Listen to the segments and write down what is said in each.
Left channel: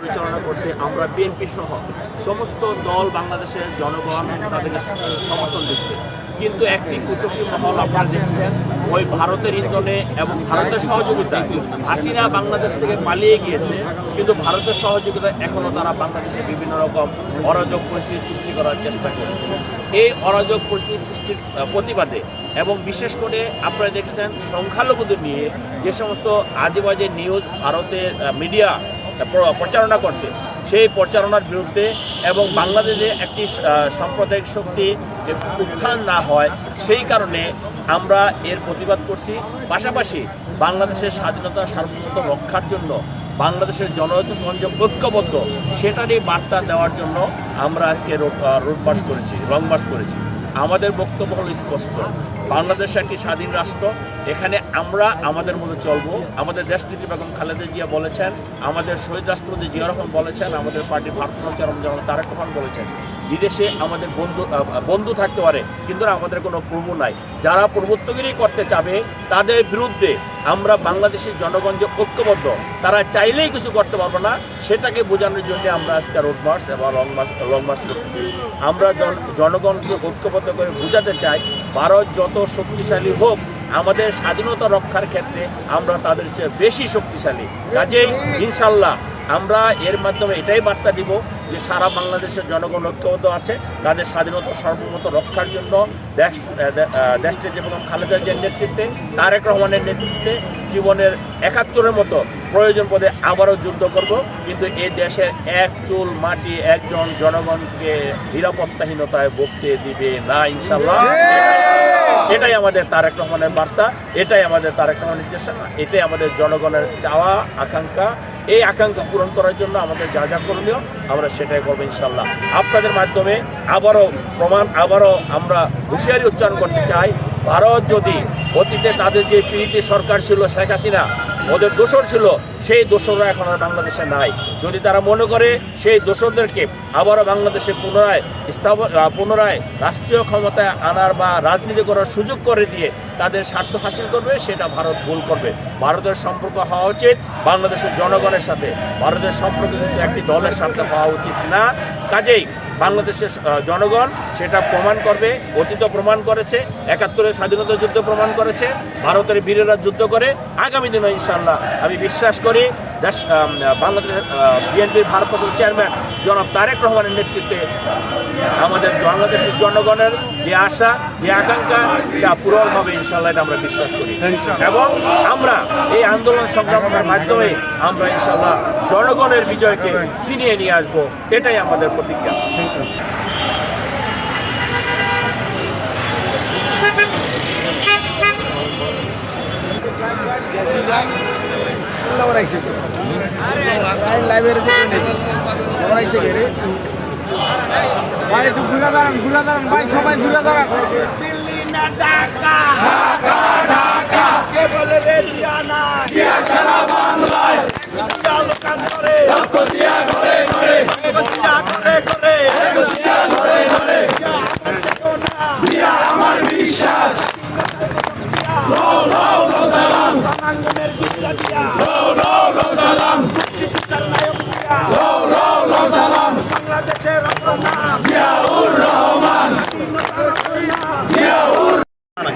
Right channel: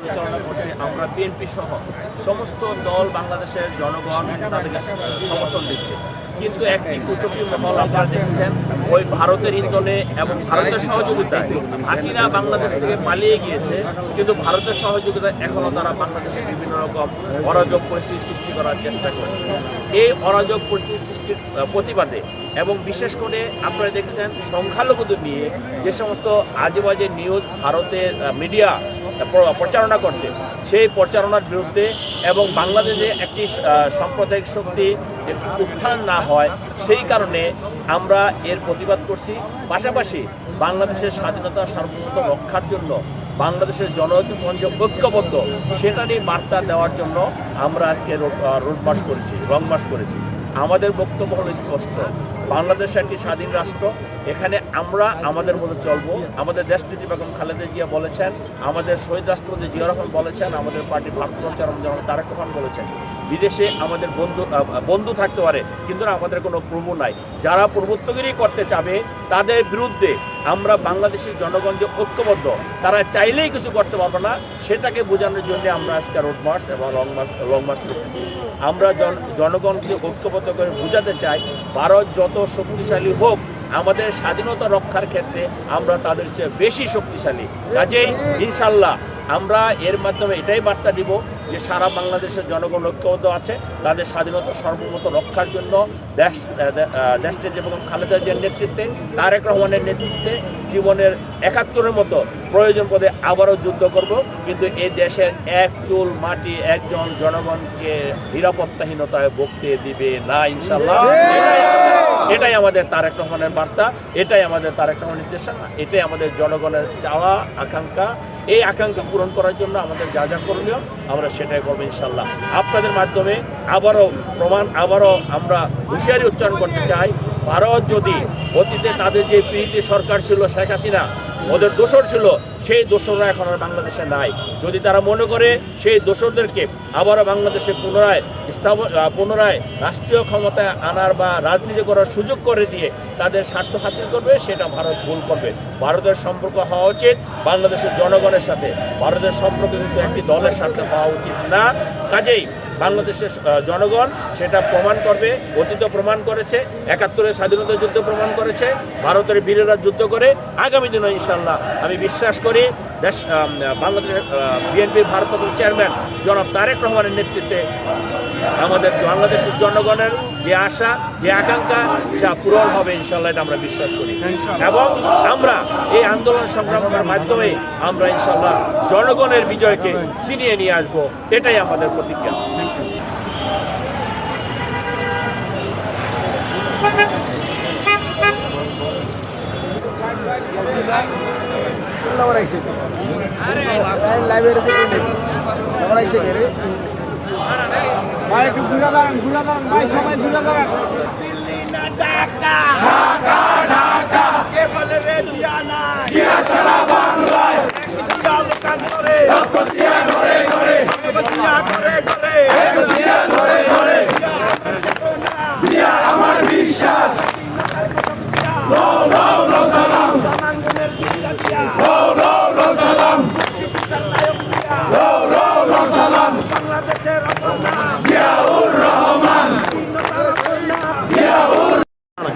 পরিচালনা করছে। আমরা বিএনপি সহ সমস্ত দল বাংলাদেশের জনগণ তাদেরকে সমর্থন দিচ্ছে, কিন্তু একটি কুচক্রী মহল আপনারা দেখছেন ওই ভারতের ইন্ধনে এবং ভারতের সহযোগিতায় হাসিনা বাংলাদেশ থেকে পালিয়ে গিয়েছে, কিন্তু ভারতের সহযোগিতায় এখনও তারা বাংলাদেশে বিভিন্ন রকম অরাজক পরিস্থিতি সৃষ্টি করার চেষ্টা করছে। এই অরাজক পরিস্থিতি সৃষ্টির প্রতিবাদে এবং বিশেষ করে আপনারা দেখছেন সংখ্যালঘুদের নিয়ে যে সমস্ত আজে বাজে নিউজ ভারতের মিডিয়া প্রচারণা করছে, সেই প্রচারণার বিরুদ্ধে এবং বাংলাদেশে একটি সাম্প্রদায়িক শক্তি উত্থান না হয় সেই কারণে আমরা এর প্রতিবাদ করছি। পাশাপাশি বাংলাদেশের স্বাধীনতা সার্বভৌমত্ব রক্ষার জন্য বাংলাদেশের জনগণ যে ঐক্যবদ্ধ সেটারই বার্তা দেওয়ার জন্য আমরা আজকে রোড মার্চ করেছি, লং মার্চ করেছি। আমাদের বক্তব্য হলো স্পষ্ট, বাংলাদেশ একটি স্বাধীন রাষ্ট্র, এখানে আমরা আমাদের মতো চলবো। আমাদের দেশটিতে বেগম খালেদা জিয়া বলেছেন, আমাদের শহীদ রাষ্ট্রপতি জিয়া রহমান বলেছেন, আমাদের পার্টি ভারপ্রাপ্ত চেয়ারম্যান তারেক রহমান বলেছেন, বিদেশে আমাদের বন্ধু থাকতে পারে কিন্তু আমাদের কোনো প্রভু নাই। যারা প্রভুত্বগিরি করতে চাবে তাদের বিরুদ্ধে আমরা বাংলাদেশের জনগণ যে ঐক্যবদ্ধ, তারা চাইলেই কিছু করতে পারবে না, সেটাকে বোঝানোর জন্য আমরা আজকে রোড মার্চ এবং লং মার্চ করতেছি। আমরা জনগণকে ঐক্যবদ্ধ করে বোঝাতে চাই, ভারত যত শক্তিশালী হোক আমাদের স্বাধীনতা রক্ষার ক্ষেত্রে আমরা তাদের চেয়ে বেশি শক্তিশালী। কাজেই ইনশাল্লাহ আমরা এর মাধ্যমে এটাই বার্তা দিব যে সারা বাংলাদেশের জনগণ ঐক্যবদ্ধ আছে, তাদের স্বাধীনতা সার্বভৌমত্ব রক্ষার জন্য দেশটা যেরকম খালেদা জিয়ার নেতৃত্বে, তারেক রহমানের নেতৃত্বে জীবনের ৭১-এর মতো প্রয়োজন পদে আবারও যুদ্ধ করব, কিন্তু এই দেশের এক চুল মাটি একজন জনগণকে নিরাপত্তাহীনতায় ভুগতে দিবে না ইনশাল্লাহ। এটাই আমাদের তারেক রহমানের বার্তা, এটাই আমাদের তারেক রহমানের নির্দেশনা, এটাই আমাদের জনগণের চাওয়া আকাঙ্ক্ষা। এই আকাঙ্ক্ষা পূরণ করার জন্য আমাদের যা যা করণীয় আমরা সেটাই করবো ইনশাল্লাহ। আপনাদের মাধ্যমে আবারও আমরা হুঁশিয়ারি উচ্চারণ করতে চাই, ভারত যদি অতীতে তাদের যে পীড়িত সরকার ছিল শেখ হাসিনা, ওদের দোসর ছিল, সেই দোসররা এখন আর বাংলাদেশে নাই। যদি তারা মনে করে সেই দোসরদেরকে আবারও বাংলাদেশে পুনরায় রাষ্ট্রীয় ক্ষমতায় আনার বা রাজনীতি করার সুযোগ করে দিয়ে তাদের স্বার্থ হাসিল করবে, সেটা ভারত ভুল করবে। ভারতের সম্পর্ক হওয়া উচিত বাংলাদেশের জনগণের সাথে, ভারতের সম্পর্ক কিন্তু একটি দলের সাথে হওয়া উচিত না। কাজেই বাংলাদেশের জনগণ সেটা প্রমাণ করবে, অতীত প্রমাণ করেছে, ৭১-এর স্বাধীনতা যুদ্ধ প্রমাণ করেছে, ভারতের বীরেরা যুদ্ধ করে। আগামী দিনে ইনশাল্লাহ আমি বিশ্বাস করি বাংলাদেশের বিএনপির ভারপ্রাপ্ত চেয়ারম্যান জনাব তারেক রহমানের নেতৃত্বে আমাদের বাংলাদেশের জনগণের যে আশা যে আকাঙ্ক্ষা যা পূরণ হবে ইনশাল্লাহ, এটা আমরা বিশ্বাস করি। এবং আমরা এই আন্দোলন সংগ্রামের মাধ্যমে আমরা ইনশাল্লাহ জনগণের বিজয়কে ছিনিয়ে নিয়ে আসবো, এটাই আমাদের প্রতিজ্ঞা। ভাই একটু ঘুরে দাঁড়ান ভাই, সবাই ঘুরে দাঁড়ান। দিল্লি না ঢাকা, ঢাকা ঢাকা কে বলে রে জিয়া না, জিয়া সারা বাংলায় জিয়া ধরে ধরে জিয়া আমার বিশ্বাস। লাও লাও লাও সালাম, লাও লাও লাও সালাম, লাও লাও লাও সালাম।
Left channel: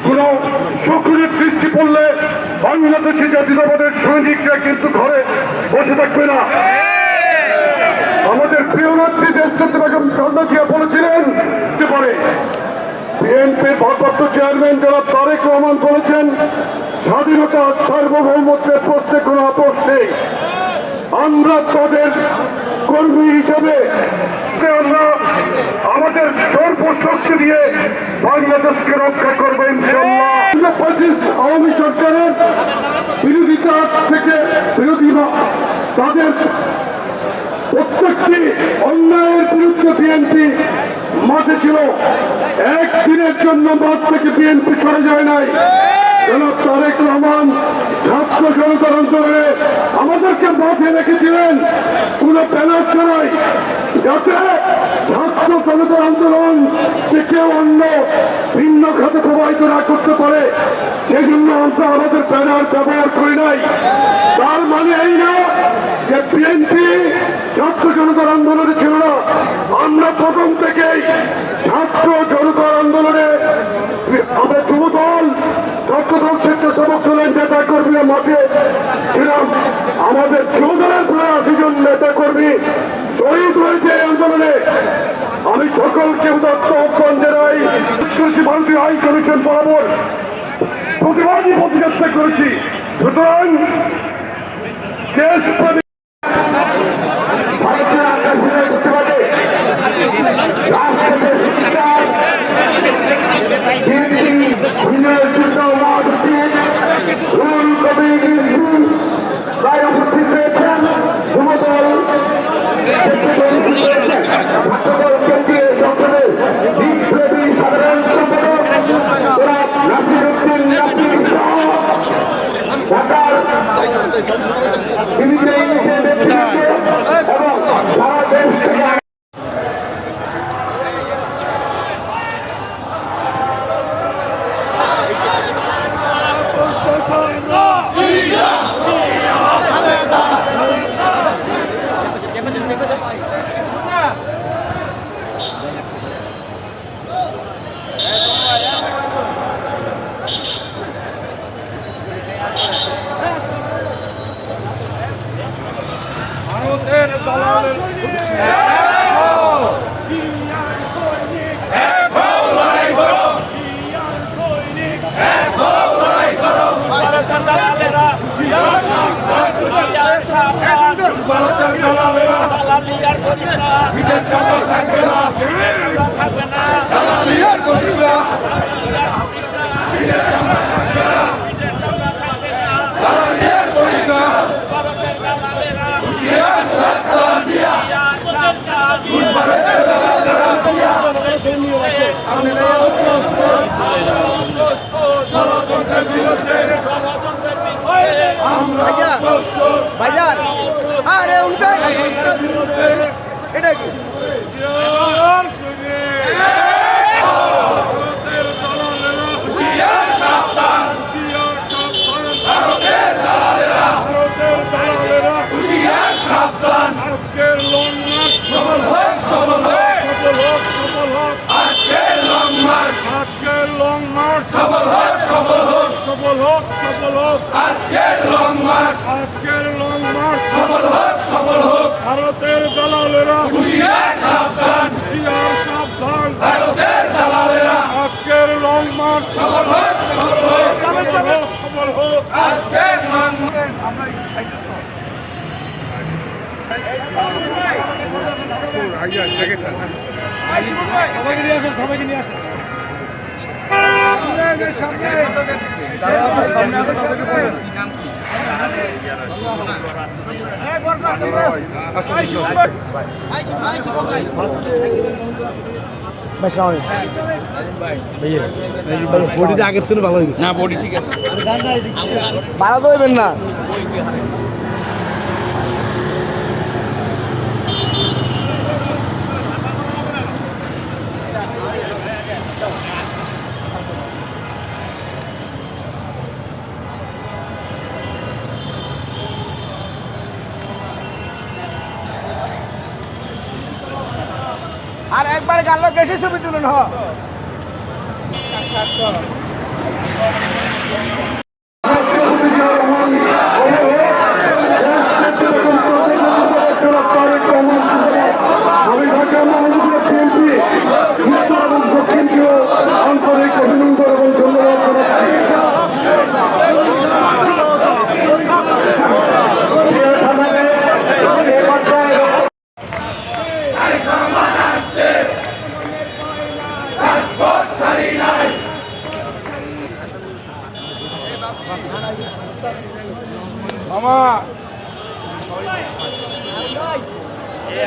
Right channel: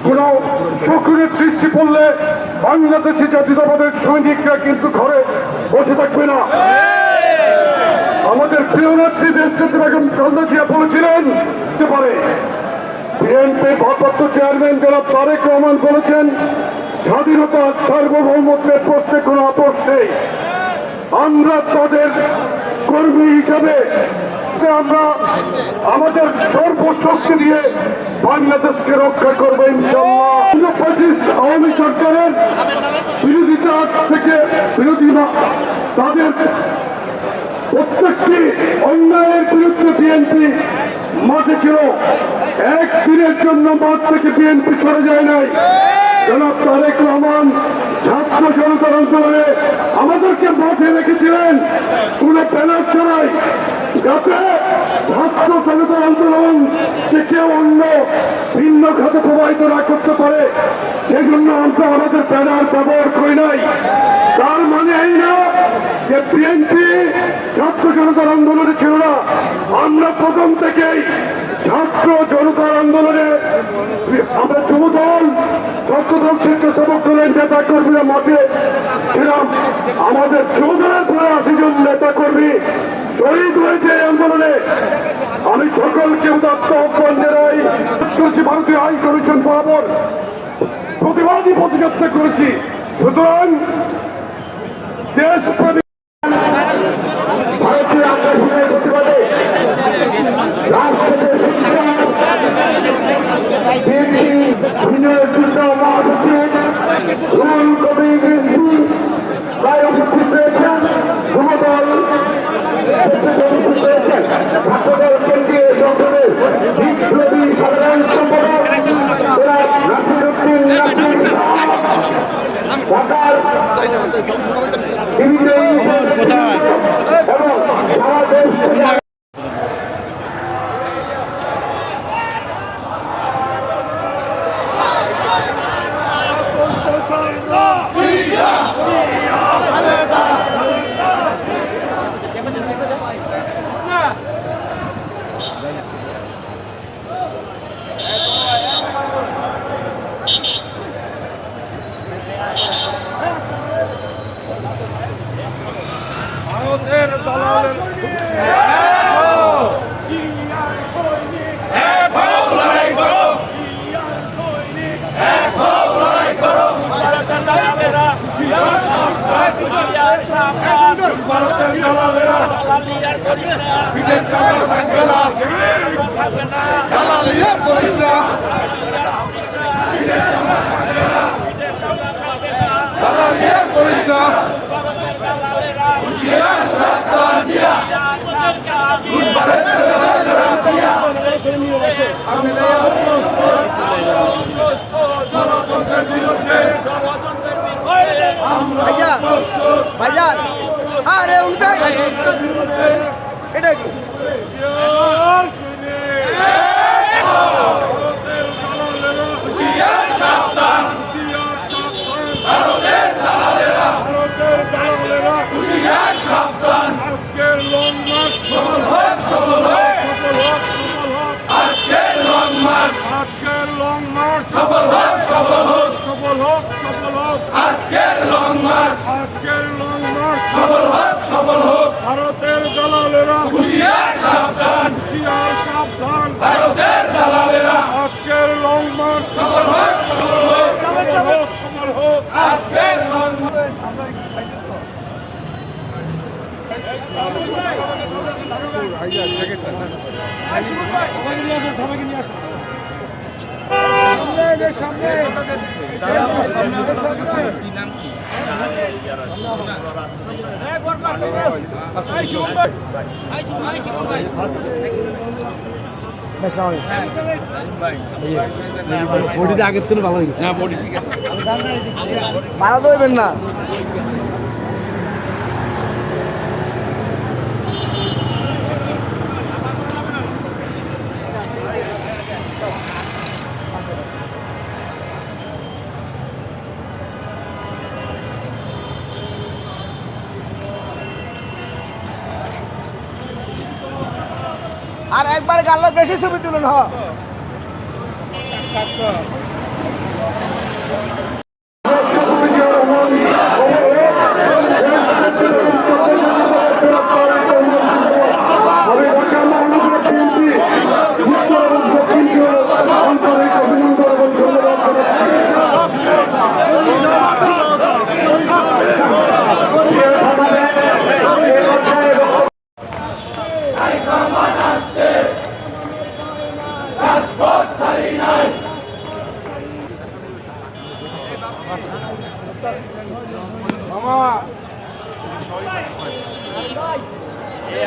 কোন শকুনের দৃষ্টি পড়লে বাংলাদেশি জাতীয়তাবাদের সৈনিকরা কিন্তু ঘরে বসে থাকবে না। আমাদের প্রিয় নেত্রী দেশনেত্রী বেগম খালেদা জিয়া বলেছিলেন যে পরে বিএনপির ভারপ্রাপ্ত চেয়ারম্যান জনাব তারেক রহমান বলেছেন, স্বাধীনতা সার্বভৌমত্বের প্রশ্নে কোনো আপোষ নেই। আমরা তাদের কর্মী হিসেবে আমরা আমাদের সর্বশক্তি দিয়ে বাংলাদেশকে রক্ষা করবো ইনশাল্লাহ। আওয়ামী সরকারের বিরোধিতা থেকে তাদের প্রত্যেকটি অন্যায়ের বিরুদ্ধে বিএনপি মাঠে ছিল। একদিনের জন্য মাঠ থেকে বিএনপি সরে যায় নাই। জনাব তারেক রহমান ছাত্র জনতার আন্দোলনে আমাদেরকে মাঠে রেখেছিলেন কোন ব্যানার ছাড়াই, যাতে ছাত্র জনতার আন্দোলন যে কেউ অন্য ভিন্ন খাতে প্রবাহিত না করতে পারে, সেজন্য আমরা আমাদের ব্যানার ব্যবহার করি নাই। তার মানে এই না যে বিএনপি জনতার আন্দোলনে ছিল না। আমরা প্রথম থেকেই ছাত্র জনতার আন্দোলনে আমরা যুবদল, ছাত্রদল, স্বেচ্ছাসেবক দলের নেতা কর্মীরা মাঠে ছিলাম। আমাদের যুবদলের ৮২ জন নেতা কর্মী শহীদ হয়েছে এই আন্দোলনে। আমি সকলকে উদাত্ত আহ্বান জানাই, ভারতীয় আইন কমিশন বরাবর প্রতিবাদী প্রতিষ্ঠা করেছি। সুতরাং দেশপ্রেমী ভারতীয় আগ্রাসনের প্রতিবাদে রাষ্ট্রপতির সরকার নিয়োজিত মহাসচিব হুমায়ুন কবির রিজভী প্রায় উপস্থিত রয়েছেন। যুবদল, ছাত্রদল কেন্দ্রীয় সংসদের বিপ্লবী সাধারণ সম্পাদক নাসিরউদ্দিন নাসির সহ ঢাকার বিভিন্ন এবং সারা দেশ থেকে ভারতের দালালের ভারতের দালালেরা হুঁশিয়ার সাবধান, ভারতের দালালেরা দালালি আর করিস না, পিঠের চামড়া থাকবে না, পিঠের চামড়া থাকবে না, দালালি আর করিস না, দালালি আর করিস না, পিঠের চামড়া থাকবে না, পিঠের চামড়া থাকবে না, দালালি আর করিস না। ভারতের দালালেরা হুঁশিয়ার সাবধান দিয়া, হুঁশিয়ার সাবধান, ভারতের দালালেরা আমরা প্রস্তুত, আমরা প্রস্তুত, ষড়যন্ত্রের বিরুদ্ধে ষড়যন্ত্রের বিরুদ্ধে আমরা প্রস্তুত, ভাইজান আরে উনি তাই ষড়যন্ত্রের বিরুদ্ধে এটা কি ভারতের দালালেরা হুঁশিয়ার সাবধান, হুঁশিয়ার সাবধান, ভারতের দালালেরা হুঁশিয়ার সাবধান। আজকের লং মার্চ সফল হোক, সফল হোক, সফল হোক, সফল হোক। আজকের লং মার্চ, আজকের লং মার্চ সফল হোক, সফল হোক, সফল হোক, সফল হোক। আজকের লং মার্চ, আজকের লং মার্চ সফল হোক, সফল হোক। ভারতের দালালেরা হুঁশিয়ার সাবধান, হুঁশিয়ার সাবধান, ভারতের দালালেরা আজকের লং মার্চ সফল হোক, সফল হোক, সফল হোক, সফল হোক। আজকের লং বডিতে আগের থেকে ভালো হয়ে গেছে। হ্যাঁ, বডি ঠিক আছে। ভালো তো হইবেন না। আর একবার গাল্লো কেসে ছবি তুলুন হ। আমি ঢাকা মহানগর বিএনপি উত্তর এবং দক্ষিণকে আন্তরিক অভিনন্দন এবং ধন্যবাদ জানাচ্ছি।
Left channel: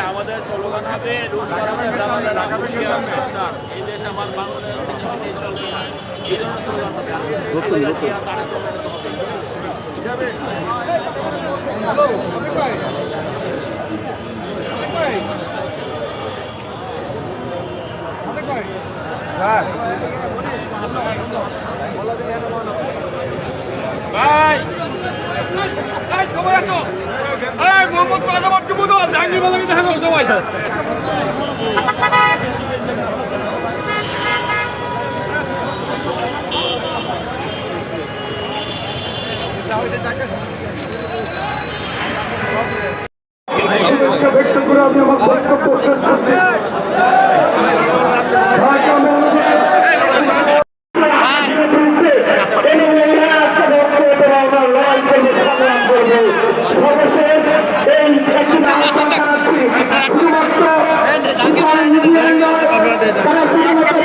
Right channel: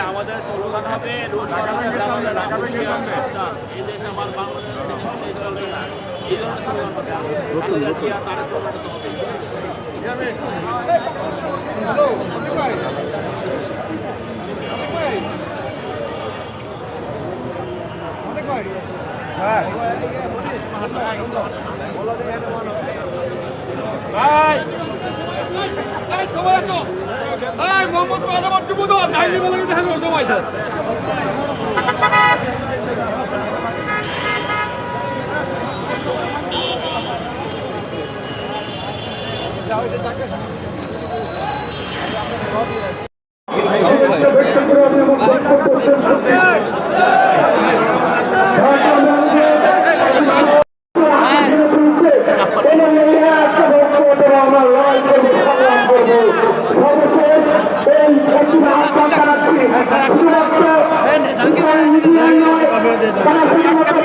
আমাদের স্লোগান হবে রুশ ভারতের দালালেরা হুঁশিয়ার সাবধান, এই দেশ আমার বাংলাদেশ সিনেমা নিয়ে চলবে না, এই ধরনের স্লোগান হবে। খালেদা জিয়া তারেক রহমানের তো হবে, ঠিক আছে। ভাই শুভেচ্ছা ব্যক্ত করে আমি আমার বক্তব্য শেষ করছি। ঢাকা মহানগর আমরা লড়াই করবো, সংগ্রাম করবো। সর্বশেষ এই শুধুমাত্র তারা শুধুমাত্র